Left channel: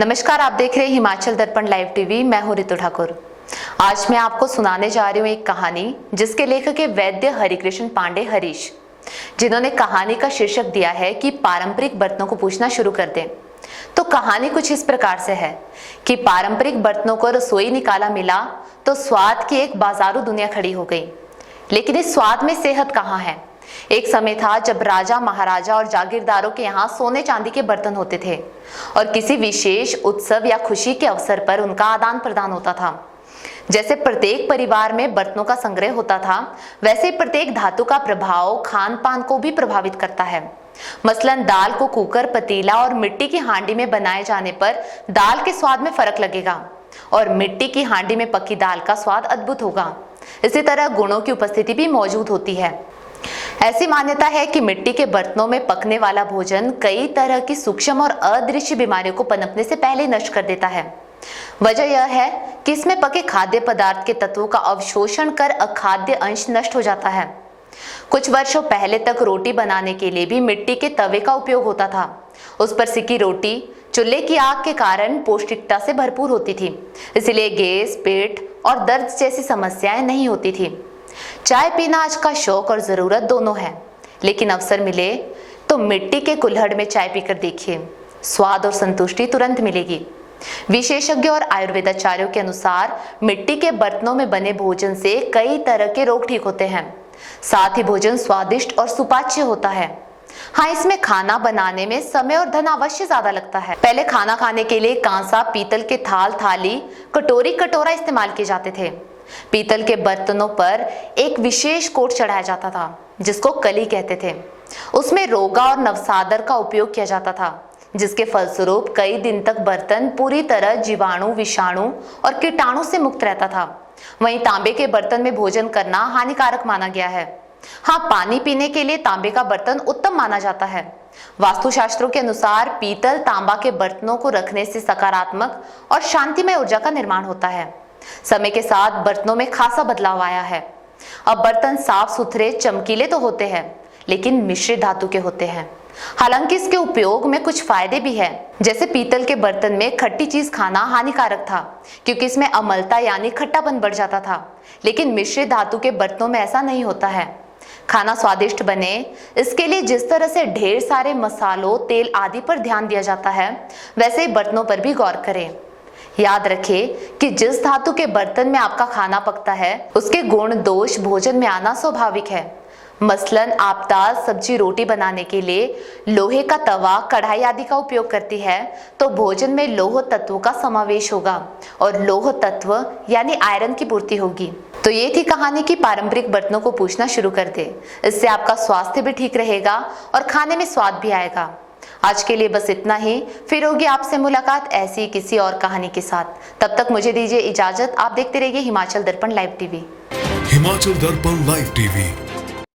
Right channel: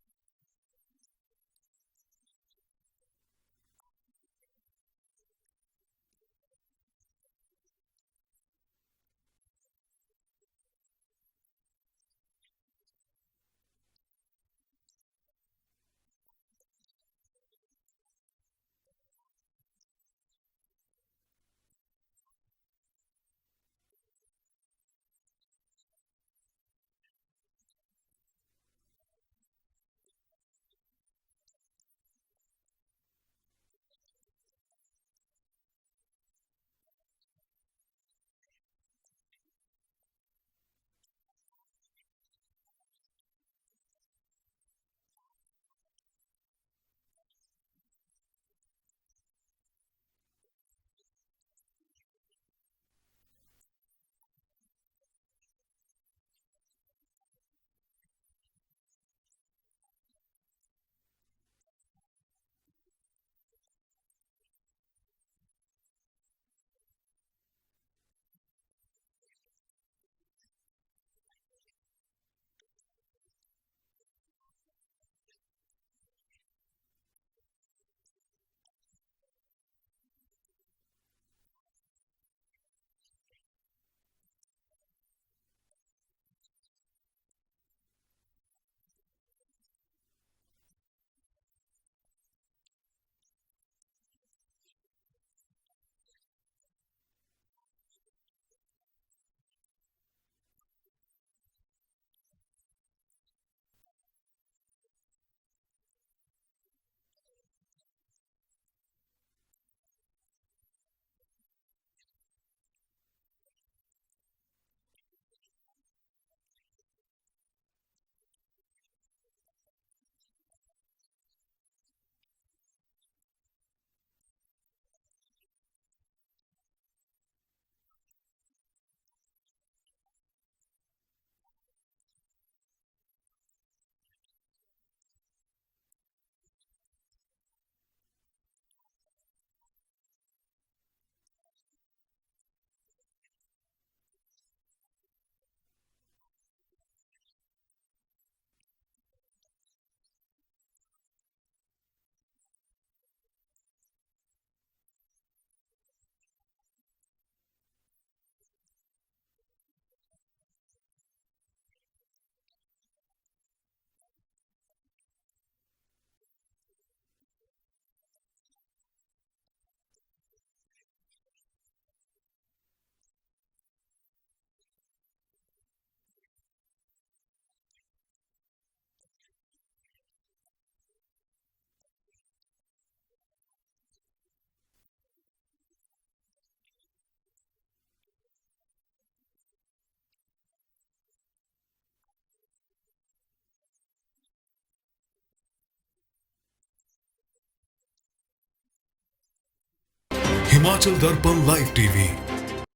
नमस्कार, आप देख रहे हैं हिमाचल दर्पण लाइव टीवी। मैं हूं रितु ठाकुर। आज मैं आपको सुनाने जा रही हूं एक कहानी जिसके लेखक है वैद्य हरिकृष्ण पांडे हरीश, जिन्होंने कहानी का शीर्षक दिया है कि पारंपरिक बर्तनों को पूछना शुरू कर दें। तो कहानी कुछ इस प्रकार से है कि पारंपरिक बर्तनों को रसोई निकाला मिला तो स्वाद की एक बाजारू दुनिया खड़ी हो गई। लेकिन इस स्वाद में सेहत कहाँ है। एक समय था जब राजा, महाराजा और जागीरदारों के यहाँ सोने चांदी के बर्तन होते थे और किसी विशेष उत्सव या खुशी के अवसर पर उनका आदान प्रदान होता था। जैसे प्रत्येक परिवार में बर्तनों का संग्रह होता था, वैसे प्रत्येक धातु का प्रभाव खान पान को भी प्रभावित करता है। मसलन दाल को कुकर, पतीला और मिट्टी की हांडी में बनाए जाने पर दाल के स्वाद में फर्क लगेगा और मिट्टी की हांडी में पकी दाल का स्वाद अद्भुत होगा। इसी तरह गुणों की उपस्थिति भी मौजूद होती है। ऐसी मान्यता है कि मिट्टी के बर्तनों में पकने वाला भोजन कई तरह की सूक्ष्म और अदृश्य बीमारियों को पनपने से पहले नष्ट कर देता है। वजह यह है कि इसमें पके खाद्य पदार्थ के तत्वों का अवशोषण कर अखाद्य अंश नष्ट हो जाता है। कुछ वर्षों पहले तक रोटी बनाने के लिए भी मिट्टी के तवे का उपयोग होता था। उस पर सिकी रोटी चूल्हे की आग के कारण पौष्टिकता से भरपूर होती थी, इसलिए गैस, पेट और दर्द जैसी समस्याएं नहीं होती थी। चाय पीना आज का शौक और जरूरत दोनों है, लेकिन अवसर मिले तो मिट्टी के कुल्हड़ में चाय पीकर देखिए, स्वाद और संतुष्टि तुरंत मिलेगी। विशेषज्ञ और आयुर्वेदाचार्यों के अनुसार मिट्टी के बर्तनों में बने भोजन से कई तरह के रोग ठीक होते हैं। साथ ही भोजन स्वादिष्ट और सुपाच्य होता है। हाँ, इसमें खाना बनाने में समय और धन अवश्य ज्यादा लगता है। पहले खाना खाने के लिए कांसा, पीतल के थाल, थाली, कटोरी, कटोरा इस्तेमाल किए जाते थे। पीतल के बर्तनों पर एक विशेष कोट चढ़ाया जाता था जिसको कली कहते थे। उसमें रोगा और नवसादर का उपयोग किया जाता था, जिसके फलस्वरूप कई दिन तक बर्तन पूरी तरह जीवाणु, विषाणु और कीटाणु से मुक्त रहता था। वहीं तांबे के बर्तन में भोजन करना हानिकारक माना गया है। हाँ, पानी पीने के लिए तांबे का बर्तन उत्तम माना जाता है। वास्तुशास्त्रों के अनुसार पीतल, तांबा के बर्तनों को रखने से सकारात्मक और शांतिमय ऊर्जा का निर्माण होता है। समय के साथ बर्तनों में खासा बदलाव आया है। अब बर्तन साफ सुथरे, चमकीले तो होते हैं, लेकिन मिश्रित धातु के होते हैं। हालांकि इसके उपयोग में कुछ फायदे भी हैं। जैसे पीतल के बर्तन में खट्टी चीज खाना हानिकारक था, क्योंकि इसमें अम्लता यानी खट्टापन बढ़ जाता था। लेकिन मिश्रित धातु के बर्तनों में ऐसा नहीं होता है। खाना स्वादिष्ट बने, इसके लिए जिस तरह से ढेर सारे मसालों, तेल आदि पर ध्यान दिया जाता है, वैसे ही बर्तनों पर भी गौर करें। याद रखें कि जिस धातु के बर्तन में आपका खाना पकता है, उसके गुण दोष भोजन में आना स्वाभाविक है। मसलन आप दाल, सब्जी, रोटी बनाने के लिए लोहे का तवा, कढ़ाई आदि का उपयोग करती है, तो भोजन में लौह तत्वों का समावेश होगा और लौह तत्व यानी आयरन की पूर्ति होगी। तो ये थी कहानी की पारंपरिक बर्तनों को पूछना शुरू कर दे। इससे आपका स्वास्थ्य भी ठीक रहेगा और खाने में स्वाद भी आएगा। आज के लिए बस इतना ही। फिर होगी आपसे मुलाकात ऐसी किसी और कहानी के साथ। तब तक मुझे दीजिए इजाजत। आप देखते रहिए हिमाचल दर्पण लाइव टीवी। हिमाचल दर्पण लाइव टीवी